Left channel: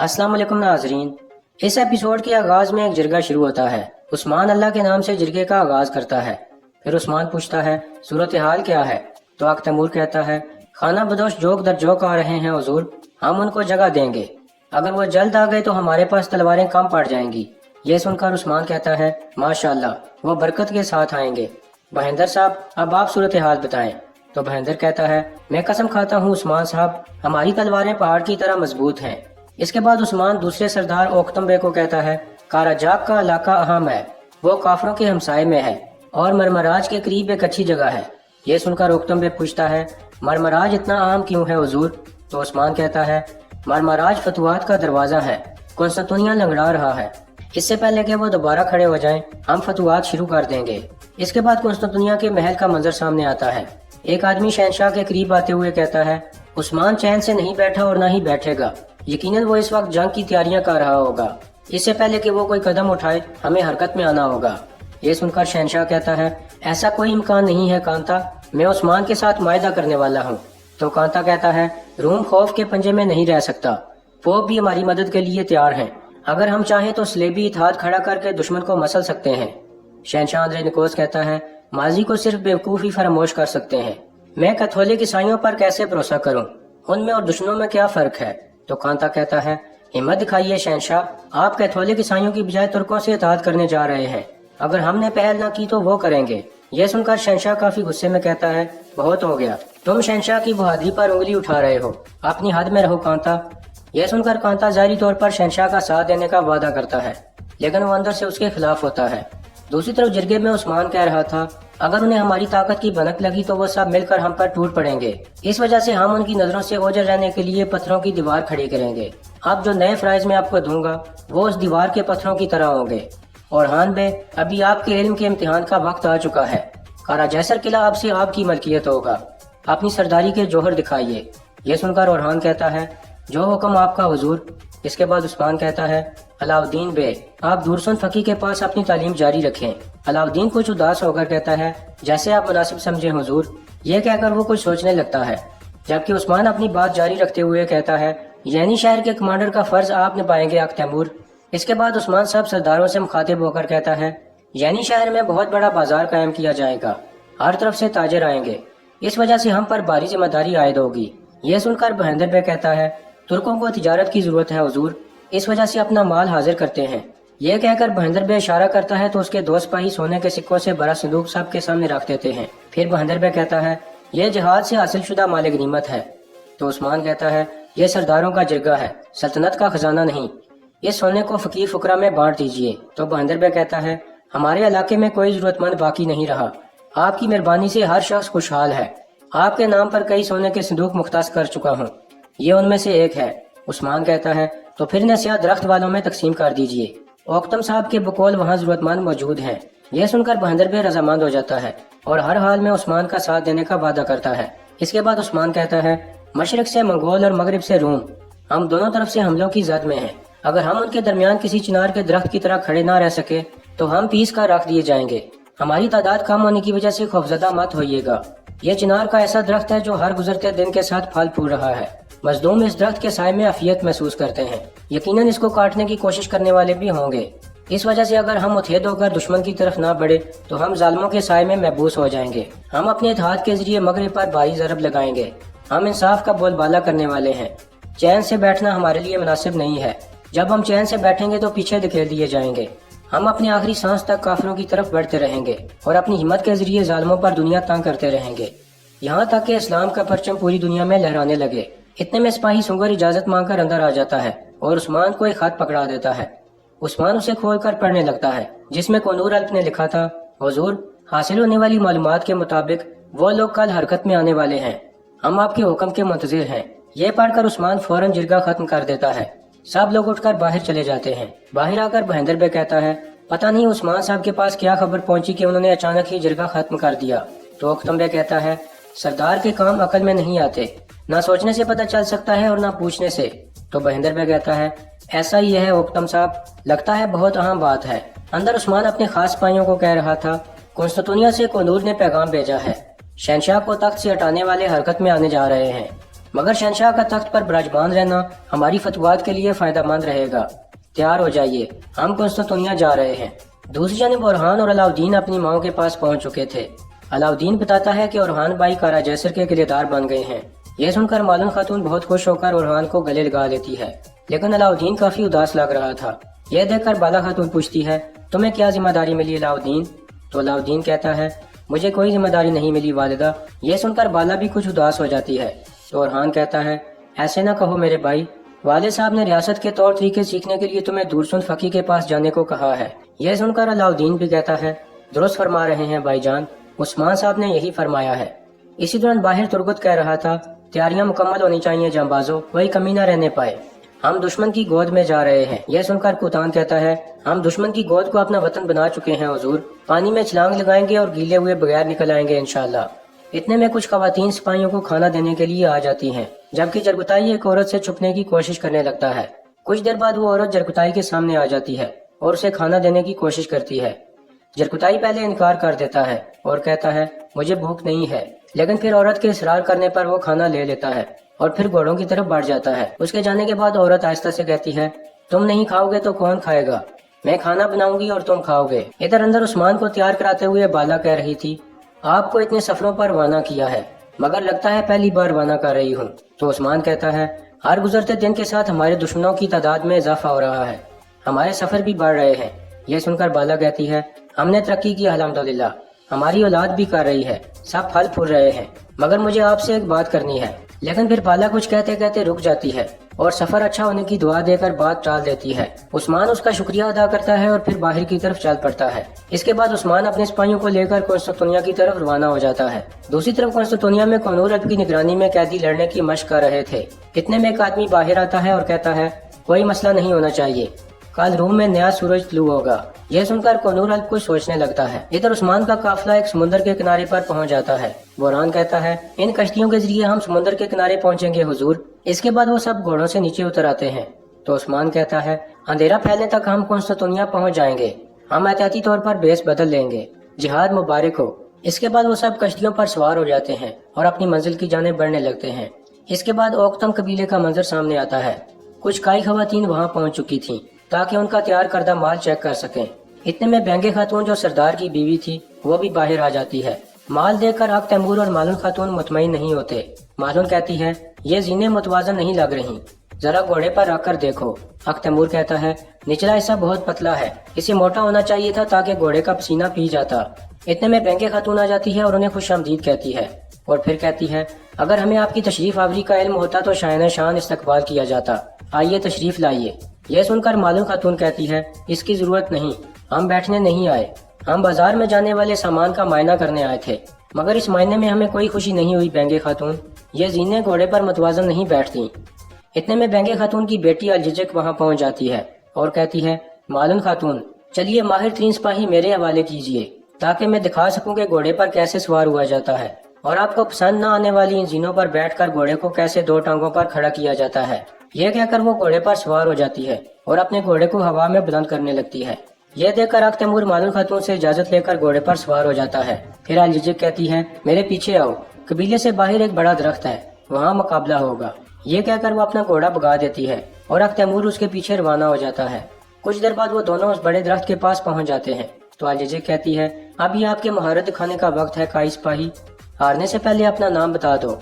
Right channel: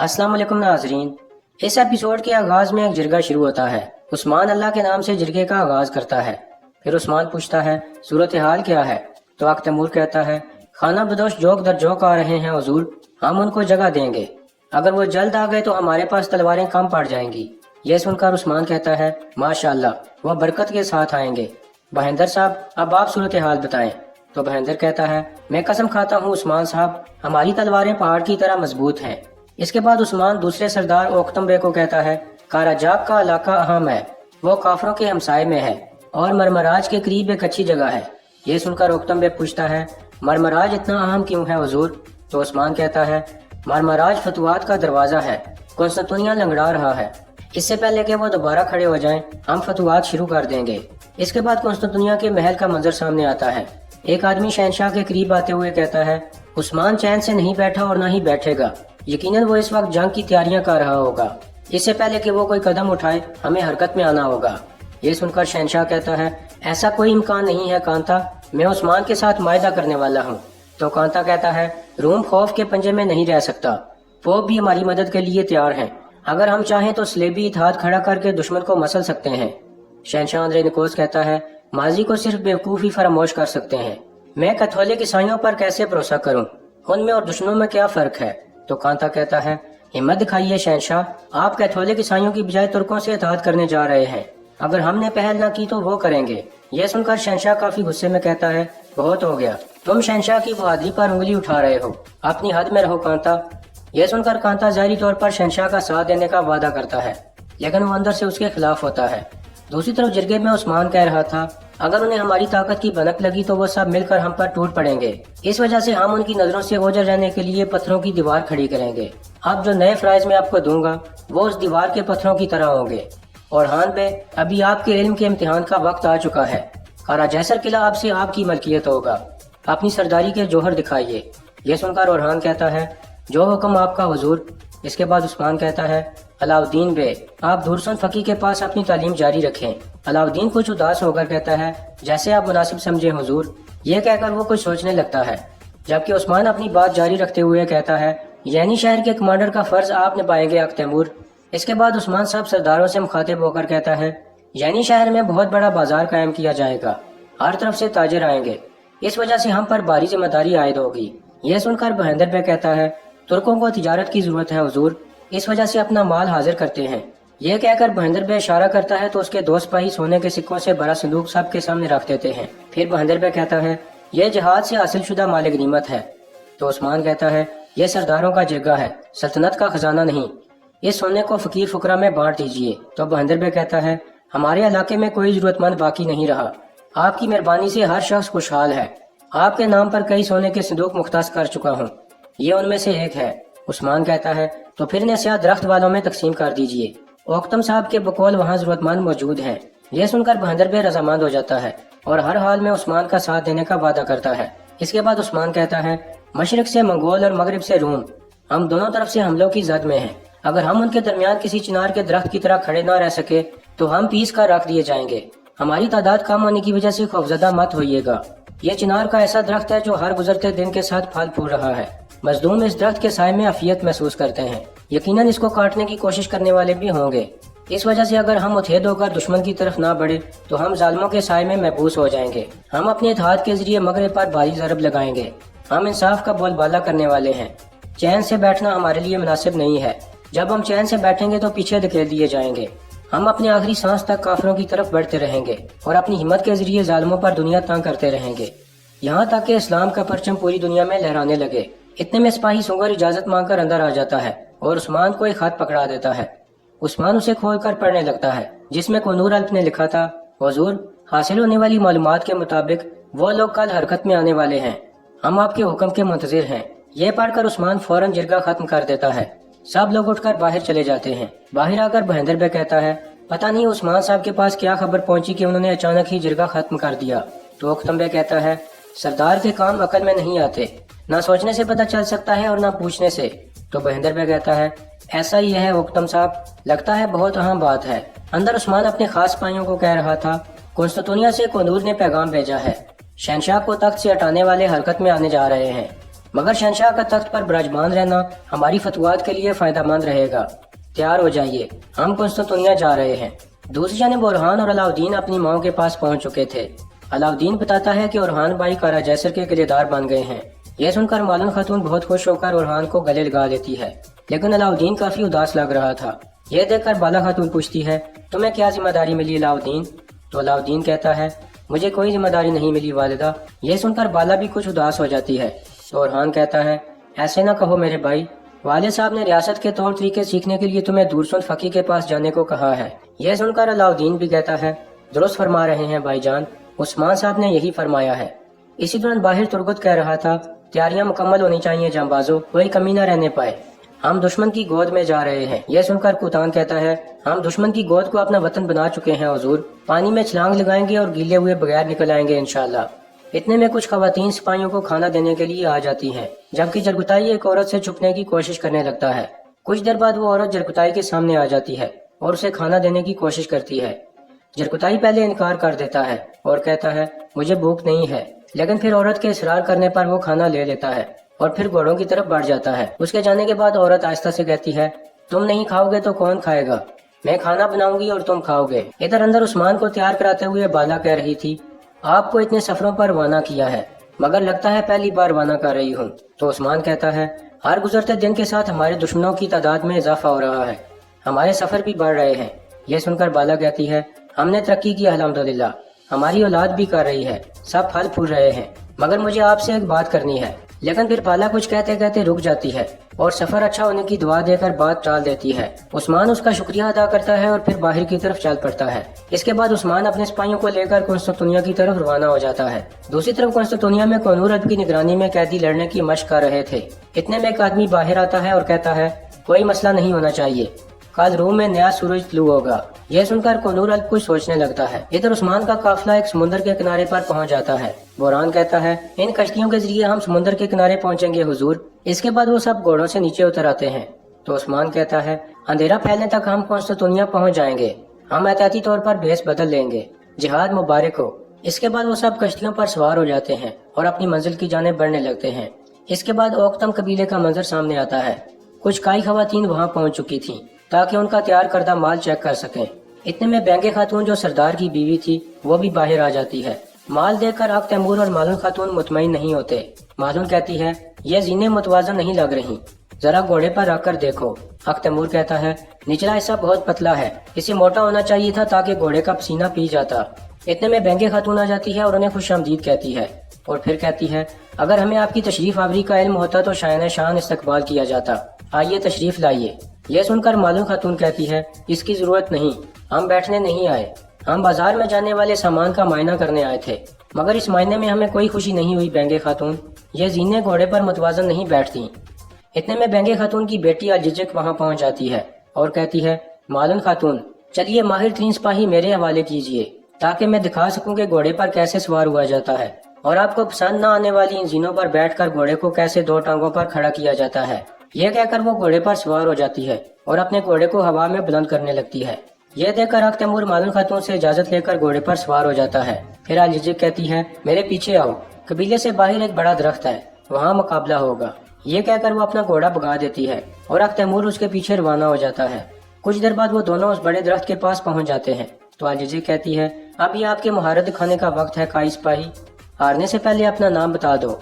السلام علیکم ناظرین، اس ایپیسوڈ کے آغاز میں ایک جرگہ شروع ہوتا ہے۔ عثمان اللہ کے نام سے جرگے کا آغاز کرتا ہے۔ پھر عثمان پوچھتا ہے صورتحال کیا ہے؟ تو اک تیمور کہتا ہے خانہ بدوش جوک در جوک آ رہے ہیں حضور، ہم ان کو جگہ دیں گے، اگر وہ جلد آ گئے تو ہمارے پاس تلواریں کم پڑ جائیں گی۔ یہ سن کر عثمان کہتا ہے ماشاءاللہ، وہ برکت کے ساتھ آئیں گے۔ بہندر صاحب اب آپ صورتحال بتائیں۔ تو بہندر کہتا ہے میں قسم کھاتا ہوں عثمان صاحب، ہماری تلواریں پہاڑ کی طرح مضبوط ہیں۔ اس کے بعد عثمان دوسرے سردار اوکتم بے کو کہتا ہے کاراجاک کا علاقہ اہم ہے، وہ کافروں کے ہمسائے میں ہے اور مرمراج کے قریب ایک اچھی جگہ ہے۔ یہ سن کر اوکتم بے پوچھتا ہے مرمراج اتنا اہم کیوں ہے حضور؟ تو عثمان کہتا ہے مرمراج فتوحات کا دروازہ ہے، قسطنطنیہ لنگڑا رہا ہے، اس سے پہلے کہ وہ دوبارہ کھڑے ہو جائیں ہم فتوحات شروع کر دیں گے۔ اس کے بعد قسطنطنیہ کے محل کا منظر سامنے آتا ہے۔ ایک آدمی شہنشاہ کے قریب آتے ہوئے کہتا ہے عثمان چین سے نہیں بیٹھا اور نہ ہی بیٹھے گا، یقیناً وہ اس وقت جنگ کی تیاریاں کر رہا ہوگا، اس سے پہلے کہ وہ کوئی قدم اٹھائے ہمیں حرکت میں آنا ہوگا۔ یہ سن کر شہنشاہ کہتا ہے ایسا کوئی امکان نہیں ہے کانتا، میں عثمان کے ساتھ معاہدہ کرنے والا ہوں۔ تو کانتا کہتا ہے روم خوف کے پنجے میں نہیں رہ سکتا، پوپ بھی ہماری مدد کے لیے تیار ہیں، اگر ہم چاہیں تو صلیبی اتحاد کھڑا کر کے دشمن کو مسل سکتے ہیں۔ شہنشاہ اندرینیکوس کہتا ہے ماضی کو صرف بیوقوفی فراموش کر سکتے ہیں، میں کیتھولک عیسائیوں پر کیسے بھروسہ کروں، ان میں اور دشمنوں میں کیا فرق ہے؟ تو کانتا کہتا ہے ہمت دکھائیے شہنشاہ، آپ کیتھولک عیسائیوں کی بجائے ترکوں سے اتحاد کرنے جا رہے ہیں، اگر ہم نے پہل نہ کی تو وہ کریں گے۔ یہ سن کر شہنشاہ کافی غصے میں کہتا ہے بہت ہو گیا، تم شہنشاہ کی بہادری پر انگلی اٹھا رہے ہو، اپنی حد میں رہو کانتا۔ یہ سن کر کانتا ظاہری طور پر شہنشاہ کا ساتھ دینے کا وعدہ کرتا ہے، لیکن وہ اندر سے اس کے خلاف ہوتا ہے۔ دوسری طرف جرگے میں عثمان کہہ رہا تھا اگر انہیں ہماری طاقت کی بھنک لگی تو وہ سب مل کر ہم پر ٹوٹ پڑیں گے، اس وجہ سے ہم ان کی نظروں سے اوجھل رہنے کے لیے پتھروں کی دیوار کھڑی کریں گے۔ اب جو نئے فرائض میں آپ کو دوں گا وہ اس دیوار کے پتھروں کی طرح ہوں گے۔ اور ہان بے، ابھی آپ کے علم کے امتحان کا وقت آ چکا ہے، کارا جیسر قلعہ اب سے آپ کی ملکیت ہوگا، اپنی سرداری کے جوہر دکھائیے۔ یہ سن کر اورحان کہتا ہے جو حکم آپ کا حضور۔ اس کے بعد عثمان کہتا ہے علاؤالدین بے، آپ دورسن فقی کے پاس اپنی تعلیم جاری رکھیں۔ علاؤالدین کچھ اداس ہو کر کہتا ہے جیسے آپ مناسب سمجھیں حضور۔ یہ کہہ کر وہ کچھ سوچنے لگتا ہے، جبکہ عثمان اپنی بات جاری رکھتے ہوئے کہتا ہے یعنی شہر کے کمانڈر کا فرض آپ نبھائیں گے اک تیمور۔ اس کے بعد عثمان سب سرداروں سے مخاطب ہو کر کہتا ہے یعنی شہر میں بہت بڑا بازار قائم کیا جائے گا، ہر طرف سے تاجر آئیں گے، اس وجہ سے ہم پر بھاری ذمہ داری عائد ہوگی۔ یہ سن کر بہندر بے کہتا ہے ترکوں کو تجارت کی ضرورت ہے حضور، اس وجہ سے اپنا مال حاضر کرتے ہیں۔ یہ کہہ کر بہندر بے اشارہ کرتا ہے تو اس کے دو سپاہی سونے کے سکوں سے بڑا صندوق سب کے سامنے رکھ دیتے ہیں۔ پھر بہندر بے کہتا ہے یہ جہاد سے حاصل شدہ مال غنیمت ہے۔ تو عثمان کہتا ہے یہ سرداروں کا جرگہ ہے، سلطنت کا خزانہ نہیں، اس سونے کو فقیر فقراء میں بانٹ دیجیے۔ تو بہندر بے کہتا ہے ہمارے علاقے میں کوئی ضرورت مند باقی نہیں رہا، آپ کی مہربانی سے ہر شخص خوشحال ہے، آپ کے نام پر کئی سونے کے صندوق مختص کر چکا ہوں، یہ ان میں سے ایک ہے۔ عثمان کہتا ہے تو پھر نسیہ درخت والوں میں تقسیم کر دیجیے، اوکتم صاحب کے بقول وہاں ضرورت مند موجود ہیں۔ یہ سن کر بہندر بے رضامند ہو جاتا ہے اور ہر حال میں عثمان کا ساتھ دینے کا وعدہ کرتا ہے۔ اس کے بعد عثمان کہتا ہے مشرق سے منگول اور مغرب سے روم، ہم دونوں طرف سے حملوں کی زد میں ہیں، اگر ہم ان کے درمیان کسی چنار کے درخت کی طرح کھڑے نہ رہ سکے تو ہم پیس کر رکھ دیے جائیں گے، ہماری تعداد کم ہونے کی وجہ سے خوفزدہ مت ہوئیے گا، یہ چنار کا ایسا درخت ہے جو ہر گزرتے دن کے ساتھ پھل پھول رہا ہے، مظلوم اس درخت کے سائے میں عافیت محسوس کرتے ہیں، یقیناً اس کو کاٹنے کی کوشش کرنے والے بھی ہوں گے، اس وجہ سے اگر ہم متحد ہو کر دشمن کی طرف نہ بڑھے تو ہم ظالموں کے سائے میں محبوس ہو جائیں گے، ہم اپنے اتحاد کے ذریعے مغرب پر بھاری ضرب لگائیں گے، ہم انصاف کا بول بالا کرنے والے ہیں، چین سے بیٹھنا ہمارے لیے مناسب نہیں ہے، جب ہم چین سے بیٹھیں گے تو پیچھے دھکیل دیے جائیں گے، ہم اپنی آخری سانس تک کافروں کی طرف بڑھتے رہیں گے اور اپنی ہمت کے ذریعے ظالموں پر دنیا تنگ کرتے رہیں گے، یہاں تک کہ اسلام کا پرچم پوری دنیا میں لہرانے لگے۔ اتنے میں سپاہی سنگر اجازت مانگ کر اندر آ جاتا ہے اور عثمان کو ایک خط پکڑا دیتا ہے۔ عثمان اسے کھول کر پڑھنے لگتا ہے، جس میں کنور الف نے لکھا تھا حضور، حاصل ہونے والی معلومات کے مطابق وہ لوگ کل حرکت میں آنے والے ہیں، ہم آپ کے حکم کے منتظر ہیں۔ یہ پڑھ کر عثمان فوراً جرگہ ختم کر دیتا ہے، سب لوگ اٹھ کر باہر چلے جاتے ہیں۔ باہر آ کر بہندر بے کہتا ہے پتہ نہیں عثمان صاحب کے پاس کیا خبر پہنچی کہ انہوں نے اچانک ہی جرگہ ختم کر دیا۔ تو اوکتم بے کہتا ہے سردار کے کام عقل میں نہیں آتے، نہ سوچنے سے پتہ چل سکتا ہے اور نہ پوچھنے سے۔ تو بہندر بے کہتا ہے ایسا ہی ہے اوکتم صاحب، لگتا ہے بہت اہم بات ہے۔ اندر عثمان اپنے خاص سپاہیوں کو کہہ رہا تھا قسطنطنیہ سے کنور نے پیغام بھیجا ہے، شہنشاہ کو تخت سے ہٹانے والے حرکت میں آنے جا رہے ہیں، مگر شہنشاہ کا تخت پر براجمان رہنا ہماری فتوات کے لیے فائدہ مند رہے گا۔ تیار ہو جائیے، ہم قسطنطنیہ جا رہے ہیں۔ دوسری جانب اورحان اور علاؤدین اپنی ماؤں کے پاس پہنچ چکے تھے۔ علاؤدین بتاتا ہے کہ اورحان بھائی کارا جیسر کے کلیدار بن گئے ہیں۔ یہ سن کر مالن خاتون بہت خوش ہو کر اورحان کو گلے لگا لیتی ہے، لیکن علاؤدین کافی اداس لگ رہا تھا۔ یہ دیکھ کر بالا خاتون پوچھتی ہے، تمہیں کیا ذمہ داری ملی علاؤدین؟ تو علاؤدین کہتا ہے، مجھے کوئی ذمہ داری نہیں ملی والدہ۔ یہ سن کر بالا بھی کچھ اداس ہو جاتی ہے۔ تو اورحان کہتا ہے، ایسے نہ کہو میرے بھائی، والد صاحب نے ریاست کے طور طریقے سیکھنے کے لیے تمہیں دورسن فقی کے پاس جانے کو کہا ہے۔ یہ سن کر علاؤدین بھی کہتا ہے، درست فرما رہے ہیں بھائی جان، عثمان صاحب نے یہی فرمایا ہے۔ اسی دوران باہر ترگت کہہ رہا تھا، تیاریاں مکمل ہونی چاہیے جانبازوں، کوئی کمی نہ رہنے پائے، ہم دشمن کی گود میں جا رہے ہیں۔ یہ سن کر کوتان کہتا ہے، ہم دشمن کی گود کو اپنا وطن بنا چکے ہیں حضور، پانی میں چھلانگ لگائیں گے اور گیلے ہوئے بغیر نکل آئیں گے انشاءاللہ۔ اتنے میں کچھ خواتین سپاہیوں کو کھانا دینے کے لیے آ جاتی ہیں، جبکہ جرگتائی ایک عورت سے چھپنے کی کوشش کرنے لگتا ہے۔ کچھ دیر بعد وہ عورت جرگتائی کے سامنے آ جاتی ہے اور اسے کھانا دینے کی کوشش کرتی ہے۔ جرگتائی پہلے انکار کر دیتا ہے اور کہتا ہے، مجھے بھوک نہیں ہے، لیکن پھر عورت کے اصرار کرنے پر وہ کھانا لے لیتا ہے اور پھر گھوڑوں کی طرف بڑھ جاتا ہے۔ اس کے جانے کے بعد عورت آہستہ سے کہتی ہے، تم نہیں کھاؤ گے تو کون کھائے گا؟ میں کھانا بناؤں گی اور تم کھاؤ گے۔ ادھر اندر عثمان کو تیار کراتے ہوئے بالا کہہ رہی تھی، آپ کو اتنے سفروں پر روانہ کیا ہے، مگر لگتا ہے پہلی بار روانہ کر رہی ہوں۔ تو عثمان کہتا ہے، ہر گزرتے دن کے ساتھ ہمارے دشمنوں کی تعداد میں اضافہ ہو رہا ہے، ہمارے سفر بھی بڑھ رہے ہیں۔ یہ سن کر بالا کہتی ہے، ہم نے ترقی کی الحمدللہ، ہماری اولاد بھی کر رہی ہے، سب پھل پھول رہے ہیں، مگر مجھے آپ سے ایک بات کرنی ہے۔ لیکن پھر بالا کچھ کہتے کہتے رک جاتی ہے اور سفر اچھا ہونے کی دعا دے کر بات ٹال دیتی ہے۔ عثمان اس کا شکریہ ادا کرتا ہے اور پھر باہر کی طرف چل پڑتا ہے۔ اس کے بعد عثمان اپنے سپاہیوں کو لے کر قسطنطنیہ کی طرف روانہ ہو جاتا ہے۔ دوسری طرف قسطنطنیہ میں قونور اب کی نگرانی میں قیدی لڑنے کی مشق کر رہے تھے۔ اتنے میں ایک آدمی باہر آتا ہے اور کہتا ہے، کوئی مسئلہ نہیں ہونا چاہیے، کل روم میں نیا سورج طلوع ہوگا۔ یہ سن کر قونور الب کچھ سوچنے لگتا ہے۔ ادھر عثمان کا قافلہ ایک سمندر کے کنارے پر پہنچ جاتا ہے۔ بحران کہتا ہے، ان کشتیوں کے ذریعے ہم سمندر کے کنارے پہنچیں گے حضور۔ اس کے بعد وہ سب گھوڑوں سے نیچے اتر آتے ہیں۔ تو عثمان کہتا ہے، اندھیرا پھیلنے تک ہم قسطنطنیہ پہنچ جائیں گے، ہم احتیاطی طور پر بیس بدل لیں گے، جہاد مبارک ہو۔ اس کے بعد وہ سب کشتیوں پر سوار ہو جاتے ہیں اور اپنی منزل کی جانب بڑھنے لگتے ہیں۔ اس کے بعد اوکتم قبیلے کا منظر سامنے آتا ہے۔ کچھ کائی خواتین وہاں پہنچ چکی تھیں تاکہ ان کا تیار کردہ مال چیک کر سکیں۔ اتنے میں بینگے خاتون جو سردار کی بیوی تھی وہ بھی باہر آ جاتی ہے۔ مال دیکھ کر تیمور اور مالن خاتون مطمئن نہیں ہوتے۔ مالن کہتی ہے، یہ زینے متوازن نہیں لگ رہی، ذرا گھوڑے پر رکھ کر دیکھو۔ تیمور کہتا ہے، نچلا حصہ بہت پتلا ہے، اسے موٹا ہونا چاہیے تھا تاکہ گھوڑے کا پسینہ پی جاتا۔ اتنے میں بینگے خاتون آ جاتی ہے اور انہیں خوش آمدید کہتی ہے اور پھر کہتی ہے، اگر ہمیں آپ کی تشریف آوری کا علم ہوتا تو شائن شان استقبال کیا جاتا، آئیے تشریف لائیے۔ یہ سن کر مالن خاتون کہتی ہے، اس کی ضرورت نہیں، ہم بیٹھنے نہیں آئے، ہم بازار میں جانے والے سامان کا معائنہ کرنے آئے تھے، مگر اس معائنے میں ہمیں کوئی خوشی نہیں ہوئی بینگے خاتون، یہ زینے گھوڑے پر متوازن نہیں بیٹھتی۔ اتنے میں بینگے خاتون کی بیٹی الججک وہاں پہنچ جاتی ہے اور کہتی ہے، مالن خاتون، چلیے ماہر ترین سپاہی میرے حوالے کیجیے تاکہ میں دکھا سکوں کہ گھوڑے پر کیسے سوار ہوا جاتا ہے اور آپ کو پسند نہ آنے والی ان زینوں پر بیٹھ کر گھوڑے کو کیسے دو ٹانگوں پر کھڑا کیا جاتا ہے۔ یہ کہہ کر وہ گھوڑے پر سوار ہو جاتی ہے اور اپنے گھوڑے کو ہوا میں بلند کرنے لگتی ہے۔ یہ دیکھ کر تیمور مالن خاتون سے اجازت لے کر گھوڑے پر سوار ہو جاتا ہے۔ پھر الججک کہتی ہے، میرے پیچھے آؤ، قبیلے سے باہر ایک بڑا درخت ہے، وہاں مقابلہ ہوگا۔ یہ کہہ کر وہ اپنا گھوڑا بھگا دیتی ہے اور تیمور اس کے پیچھے روانہ ہو جاتا ہے۔ کچھ دیر بعد وہ دونوں اس بڑے درخت کے پاس پہنچ جاتے ہیں۔ تو الججک کہتی ہے، اب یہ آپ کے مہارت دکھانے کا وقت ہے قائی سپاہی، ہارنے سے پہلے اپنا نام بتا دو۔